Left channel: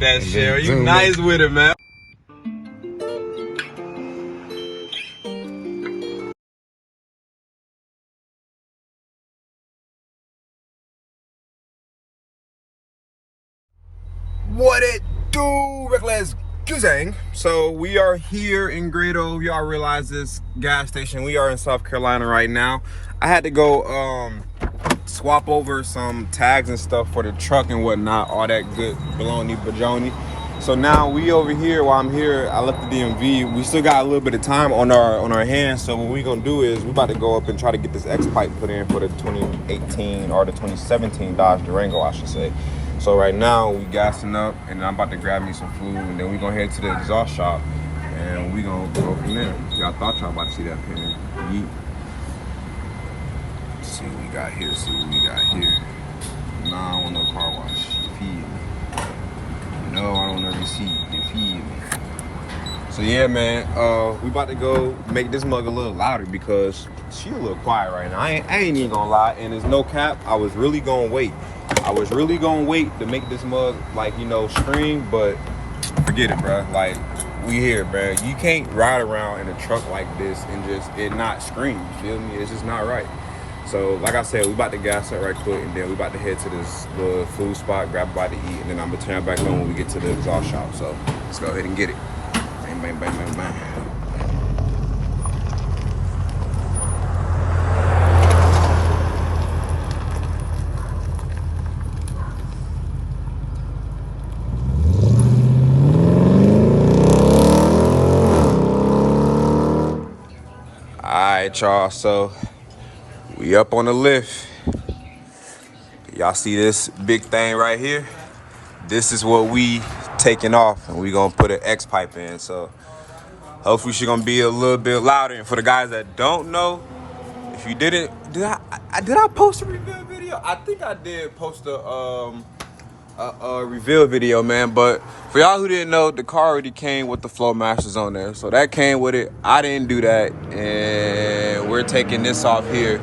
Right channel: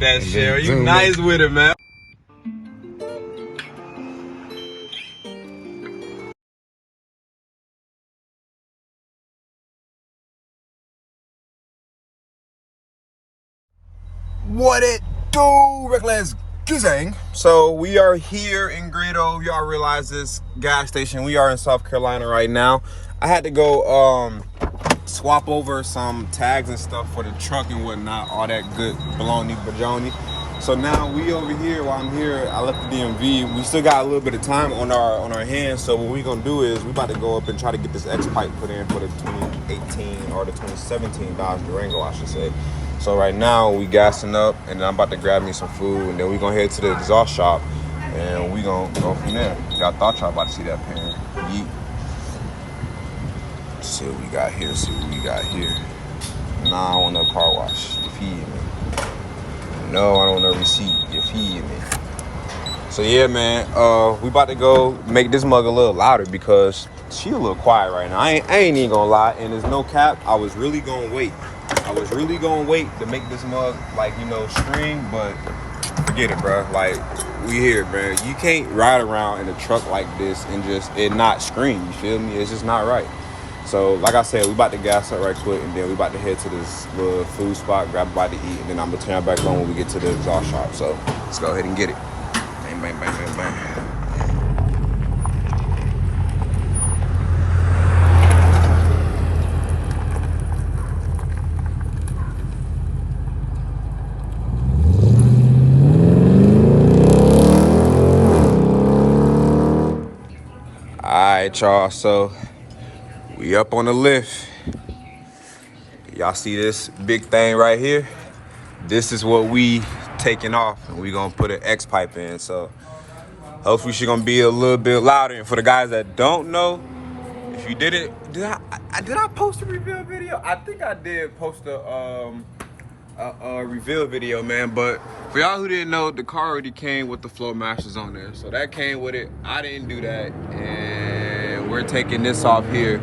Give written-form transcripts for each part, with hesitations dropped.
like that shit. You nice with it, man. What it do, Reckless Guzang? So we are here in Grado. Y'all realize this gas station. We are in South Carolina right now. I had to go swap over some tags and stuff for the truck and whatnot, all that good baloney bajoni. So now we over here. While I'm here, I left the DMV. We still got a little bit of time on our hands. So what we gonna do is we about to go up and try to get this Xpipe put in for the 2018 or the 2017 Dodge Durango, I should say. So right now we gassing up, and I'm about to grab me some food, and then we gonna head to the exhaust shop, and we gonna go from there. Y'all thought y'all about to see that pin. Yeet. Let's see what we got here. Nah, I don't want no car wash. You feed me. No, I don't want no receipt. You feed me. So yeah, man. We about to go make this mug a little louder because she a little quiet right now. I ain't even gonna lie, and there's no cap. I was really gonna wait to make this mug, like, you know, stream, but forget it, bro. Like, we here, bro. You can't ride around in a truck like this and just it not scream. You feel me? It's just not right. So, like I said, we about to gas up right quick, and then we about to head to this little food spot, grab a bite to eat, and then I'm gonna turn back on when we get to the exhaust shop. So, let's go ahead and get it. Bang, bang, bang, bang, bang. Alright, y'all, so we up on the lift. Y'all see this big thing right here? This is what we taking off, and we gonna put an Xpipe in. So hopefully she's gonna be a little bit louder. And for the guys that don't know, if you didn't, did I post a reveal video? I think I did post a reveal video, man. But for y'all who didn't know, the car already came with the Flow Masters on there, so that came with it. I didn't do that, and we're taking this off here.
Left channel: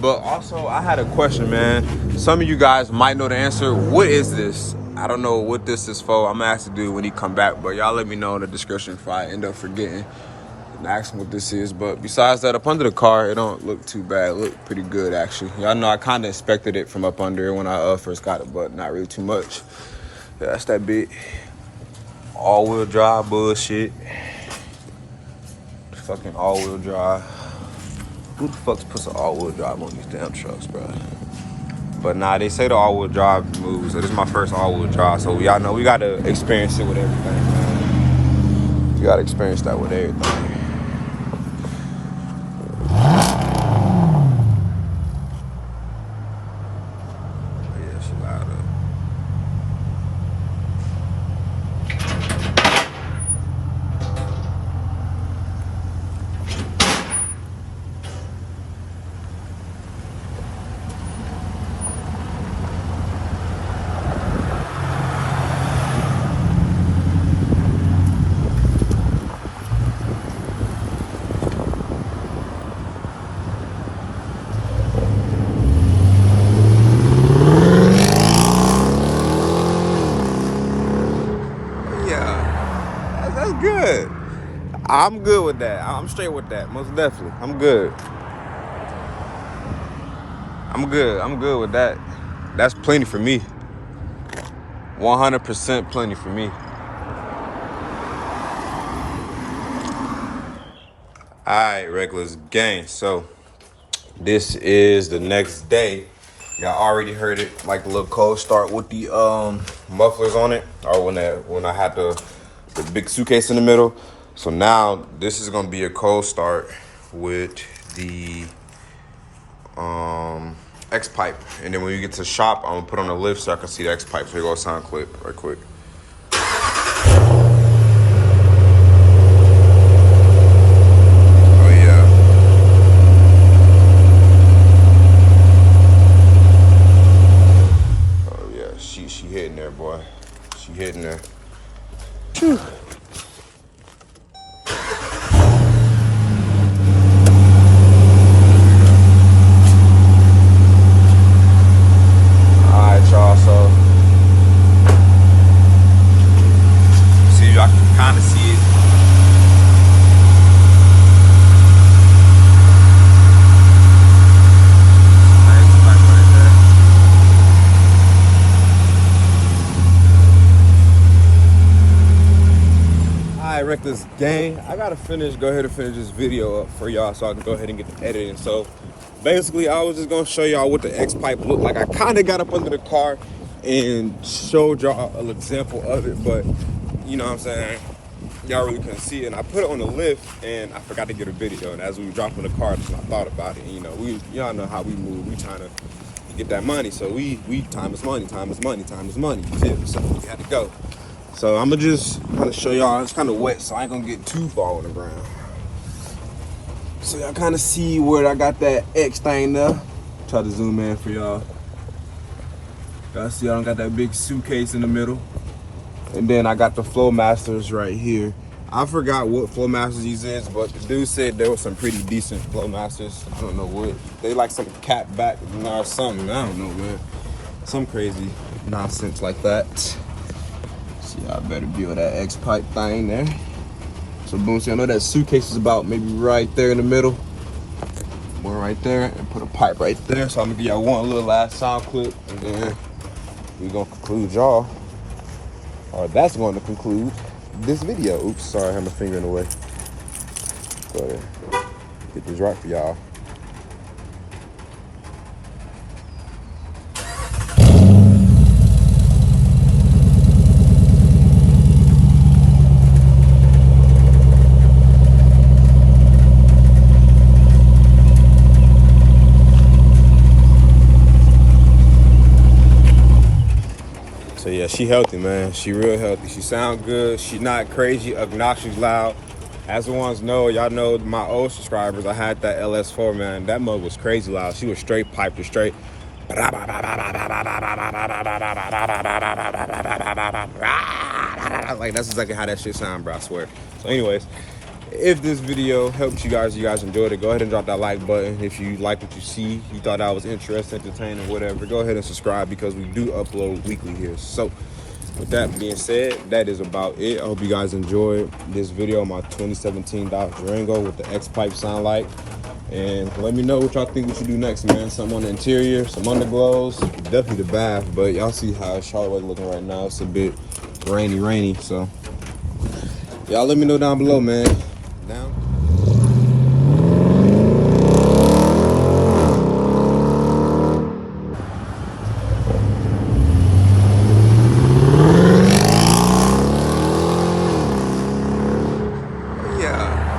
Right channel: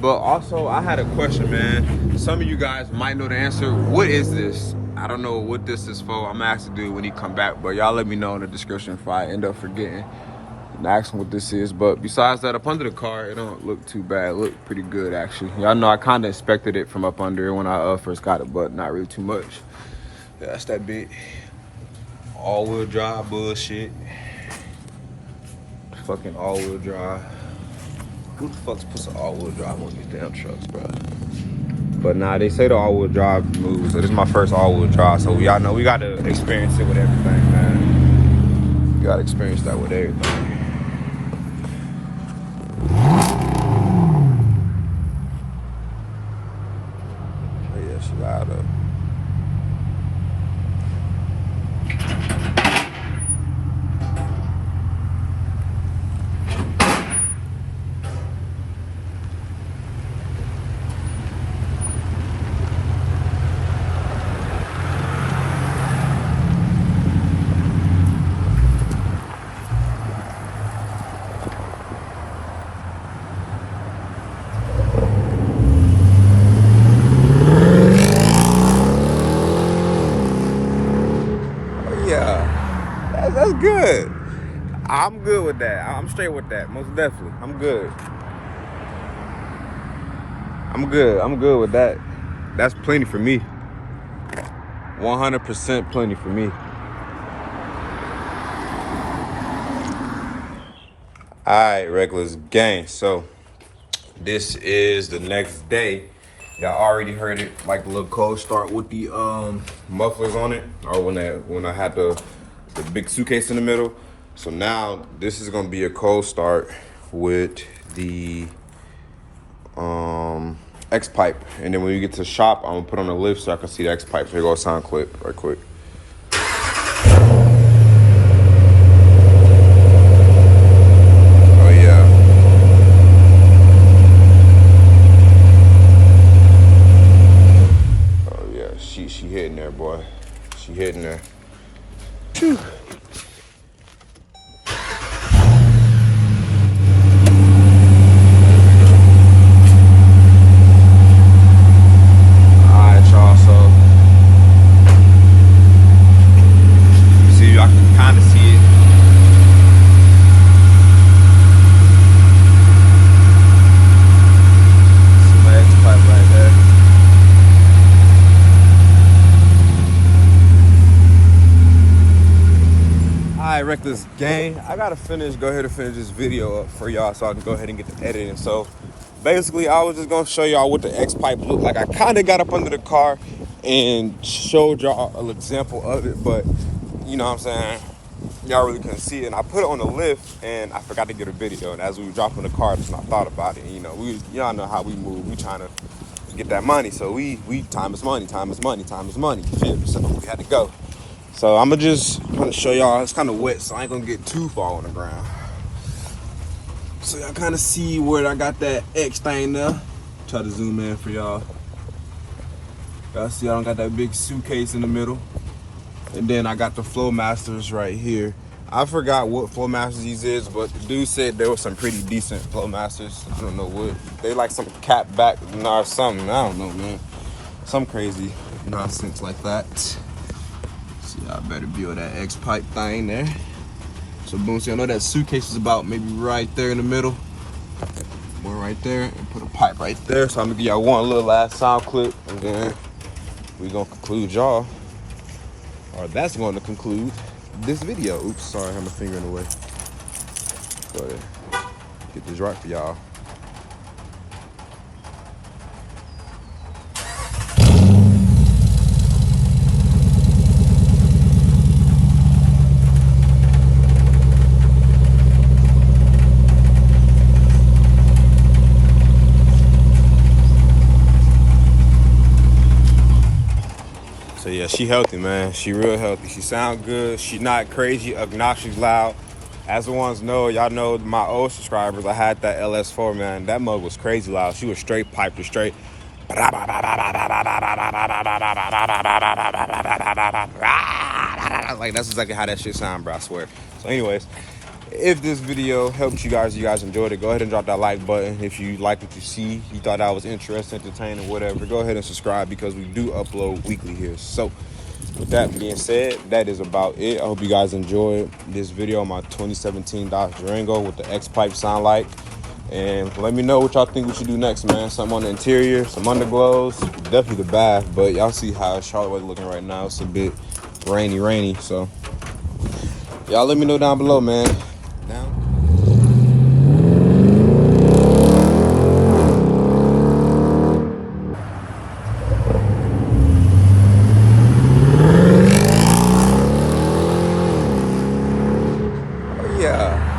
But also, I had a question, man. Some of you guys might know the answer. What is this? I don't know what this is for. I'm gonna ask the dude when he come back, but y'all let me know in the description if I end up forgetting and ask him what this is. But besides that, up under the car, it don't look too bad. It look pretty good, actually. Y'all know I kind of expected it from up under when I first got it, but not really too much. Yeah, that's that big all-wheel drive bullshit. Fucking all-wheel drive. Who the fuck puts an all-wheel drive on these damn trucks, bro? But nah, they say the all-wheel drive moves, so this is my first all-wheel drive. So y'all know we gotta experience it with everything, man. We gotta experience that with everything. Oh yeah, she loud up. That's good. I'm good with that. I'm straight with that, most definitely. I'm good with that. That's plenty for me. 100% plenty for me. All right, Reckless Gang. So this is the next day. Y'all already heard it, like a little cold start with the mufflers on it, or when I had the big suitcase in the middle. So now this is gonna be a cold start with the Xpipe, and then when we get to the shop, I'm gonna put on the lift so I can see the Xpipe. So here goes a sound clip right quick. Oh yeah. Oh yeah, she hitting there, boy. She hitting there. Phew. this gang, I gotta go ahead and finish this video up for y'all so I can go ahead and get the editing. So basically I was just gonna show y'all what the Xpipe looked like. I kind of got up under the car and showed y'all an example of it, but you know what I'm saying, y'all really couldn't see it. And I put it on the lift and I forgot to get a video. And as we were dropping the car, just I thought about it. And, you know, y'all know how we move. We trying to get that money. So we time is money, time is money, time is money. You feel me? So we had to go. So I'm gonna just kind of show y'all. It's kind of wet, so I ain't gonna get too far on the ground. So y'all kind of see where I got that X thing there. Try to zoom in for y'all. Y'all see I don't got that big suitcase in the middle. And then I got the Flowmasters right here. I forgot what Flowmasters these is, but the dude said there was some pretty decent Flowmasters. I don't know what. They like some cap back or something. I don't know, man. Some crazy nonsense like that. See, I better build that Xpipe thing there. So boom, see, I know that suitcase is about maybe right there in the middle. One right there, and put a pipe right there. So I'm gonna give y'all one little last sound clip, and then we're gonna conclude y'all. Or that's going to conclude this video. Oops, sorry, I had my finger in the way. Go ahead, get this right for y'all. So yeah, she healthy, man. She real healthy. She sound good. She not crazy, obnoxious, loud. As the ones know, y'all know my old subscribers, I had that LS4, man. That mug was crazy loud. She was straight piped or straight. Like that's exactly how that shit sound, bro, I swear. So anyways, if this video helped you guys enjoyed it, go ahead and drop that like button. If you like what you see, you thought that was interesting, entertaining, whatever, go ahead and subscribe because we do upload weekly here. So with that being said, that is about it. I hope you guys enjoyed this video on my 2017 Dodge Durango with the Xpipe sound like. And let me know what y'all think we should do next, man. Something on the interior, some underglows, definitely the bath, but y'all see how Charlotte weather looking right now. It's a bit rainy, so y'all let me know down below, man. Down. Yeah.